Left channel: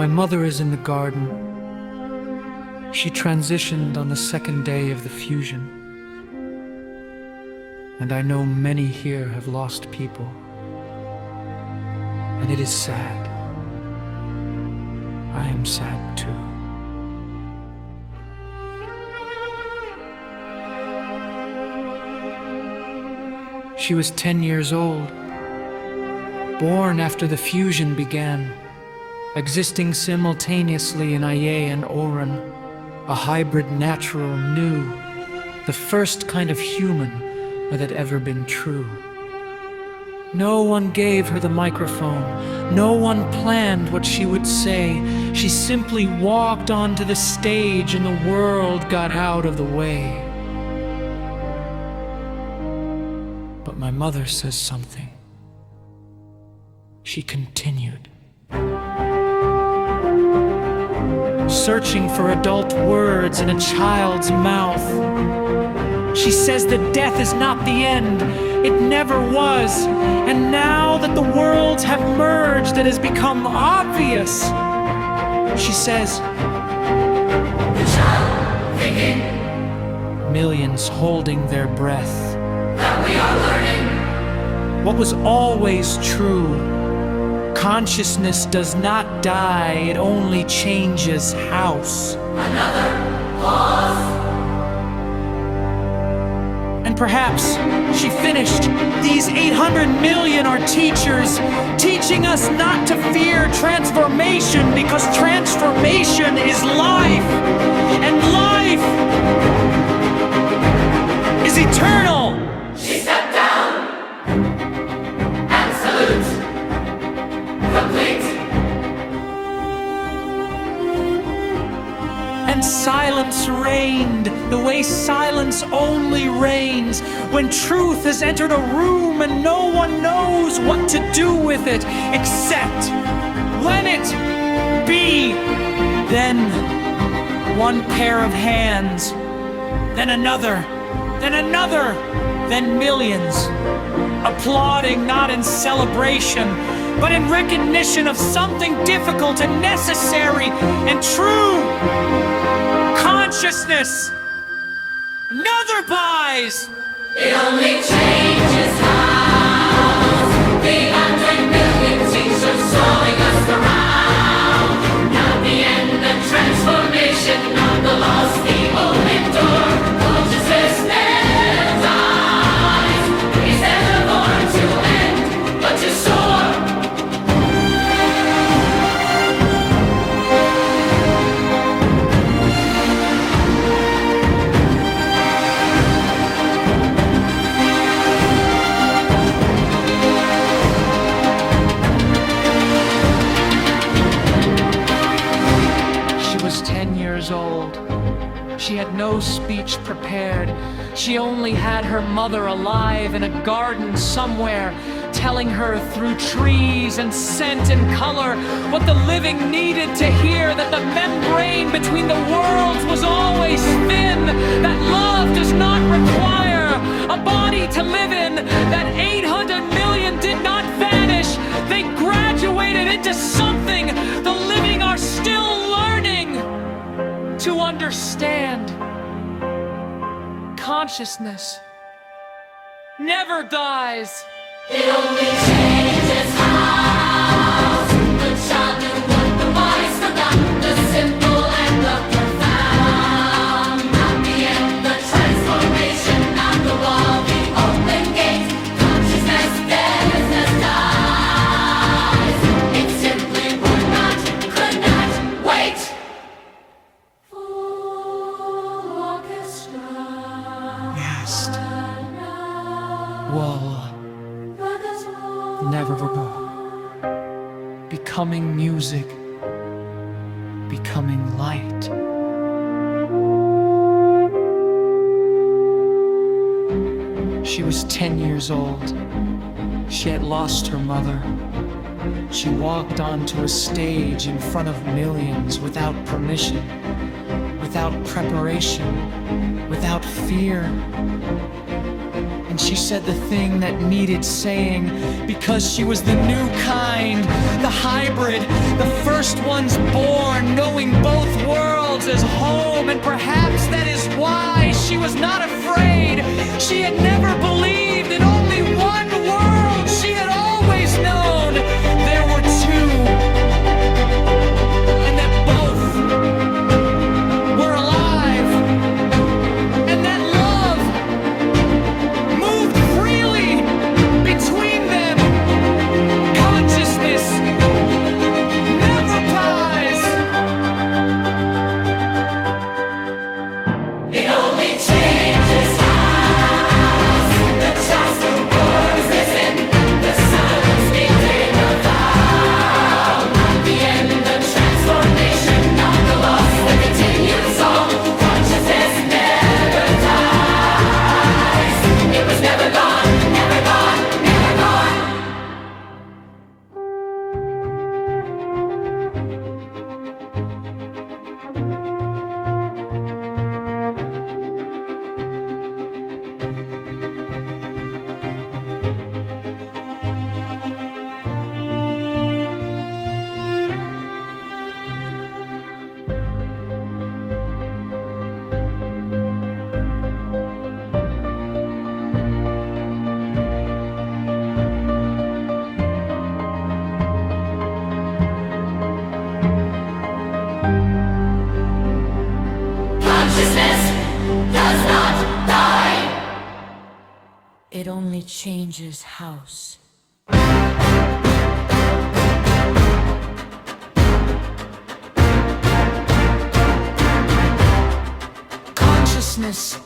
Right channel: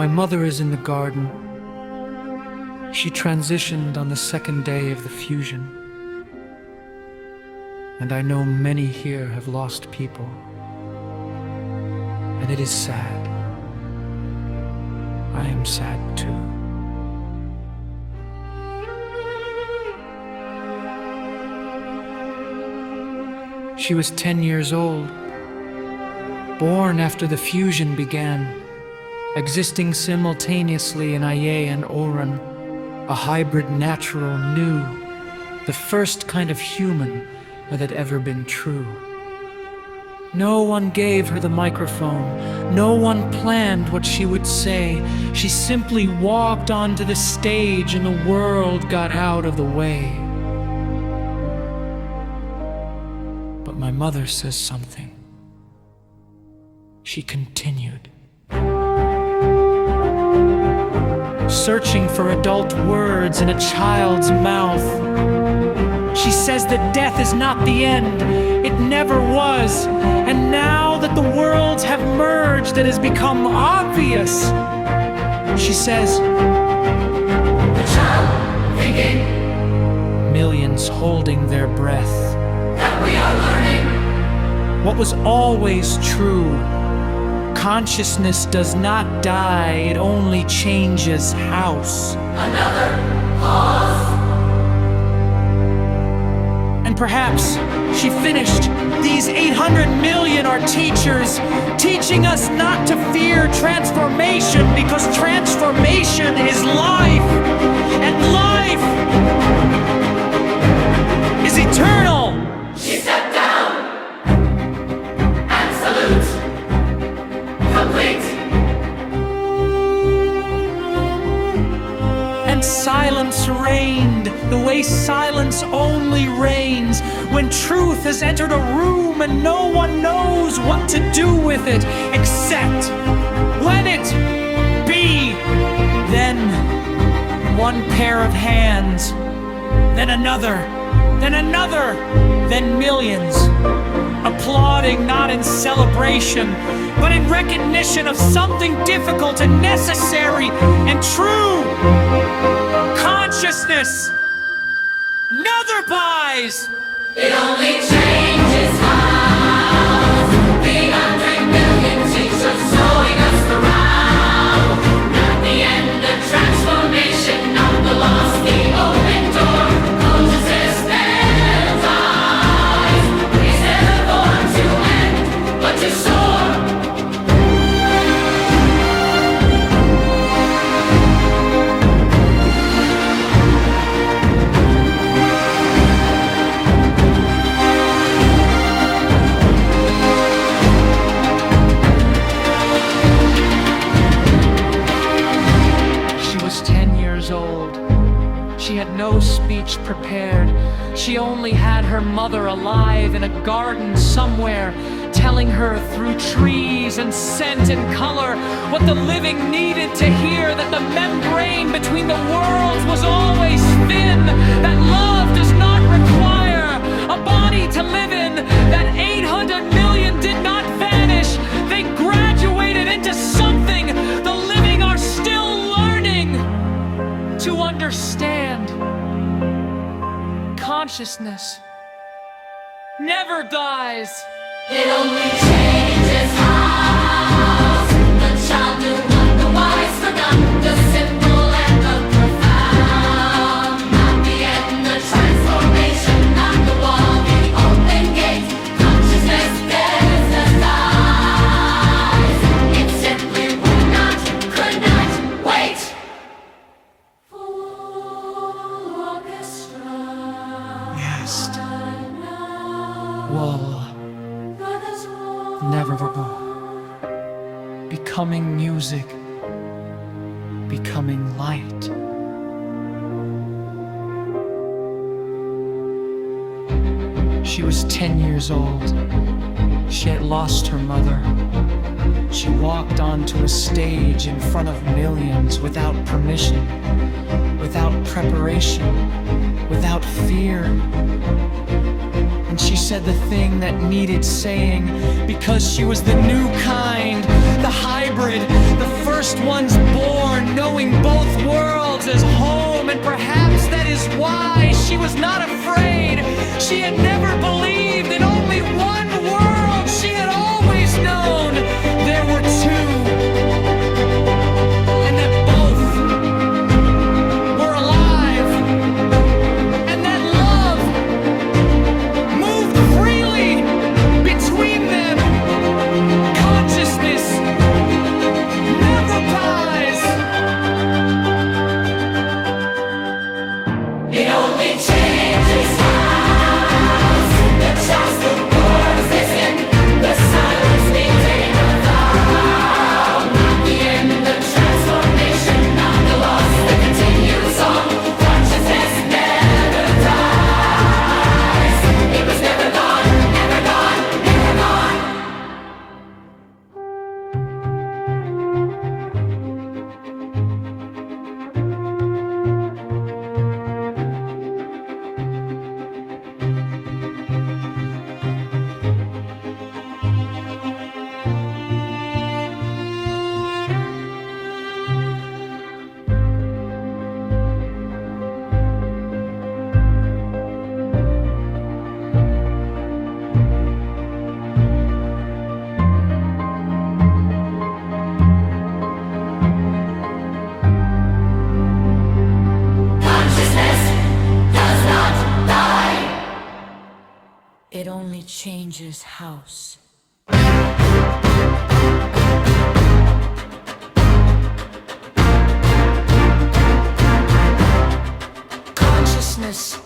My mother is in the garden. She transitioned on the second day of the fusion. And I know many here have lost people. And it is sad. I am sad too. She was 10 years old, born after the fusion began, existing simultaneously in Ayé and Òrun, a hybrid natural new, the first kind of human that had ever been true. No one gave her the microphone, no one planned what she would say. She simply walked onto the stage and the world got out of the way. But my mother says something. She continued, searching for adult words in a child's mouth. She says that death is not the end. It never was. And now that the worlds have merged, it has become obvious. She says, the child thinking, millions holding their breath, that we are learning what was always true. Consciousness does not die, it only changes house. another pause. And perhaps she finished. These 800 million are teachers, teaching us not to fear transformation, because transformation is life, and life is eternal. She stepped down and salute complete. And silence reigned, the way silence only reigns when truth has entered a room and no one knows what to do with it except let it be. Then one pair of hands, then another, then millions, applauding not in celebration, but in recognition of something difficult and necessary and true. Consciousness. Another buys. It only changes house. The 100 million teachers showing us the round. Not the end of transformation, not the loss, the open door. Consciousness never dies. He's never born to end, but to soar. She was 10 years old. She had no speech prepared. She only had her mother alive in a garden somewhere, telling her through trees and scent and color what the living needed to hear, that the membrane between the worlds was always thin, that love does not require a body to live in, that 800 million did not vanish. They graduated into something the living are still learning to understand. Consciousness never dies. It only changes house. The child knew what the wise forgot, the simple and the profound. Not the end, the transformation, not the wall, the open gate. Consciousness business dies. It simply would not, could not wait. Full orchestra. Yes. Wall. Never becoming music, becoming light. She was 10 years old. She had lost her mother. She walked onto a stage in front of millions without permission, without preparation, without fear. And she said the thing that needed saying, because she was the new kind, the hybrid, the first ones born, knowing both worlds as home. And perhaps that is why she was not afraid. She had never believed in only one world. She had always known there were two, and that both were alive, and that love moved freely between them. Consciousness never dies. It only changes house. The child's the words listen. The silence became a vow. Not the end, the transformation, not the loss, the continued song. Consciousness never dies. It was never gone, never gone, never gone. Consciousness does not die. It only changes house. Consciousness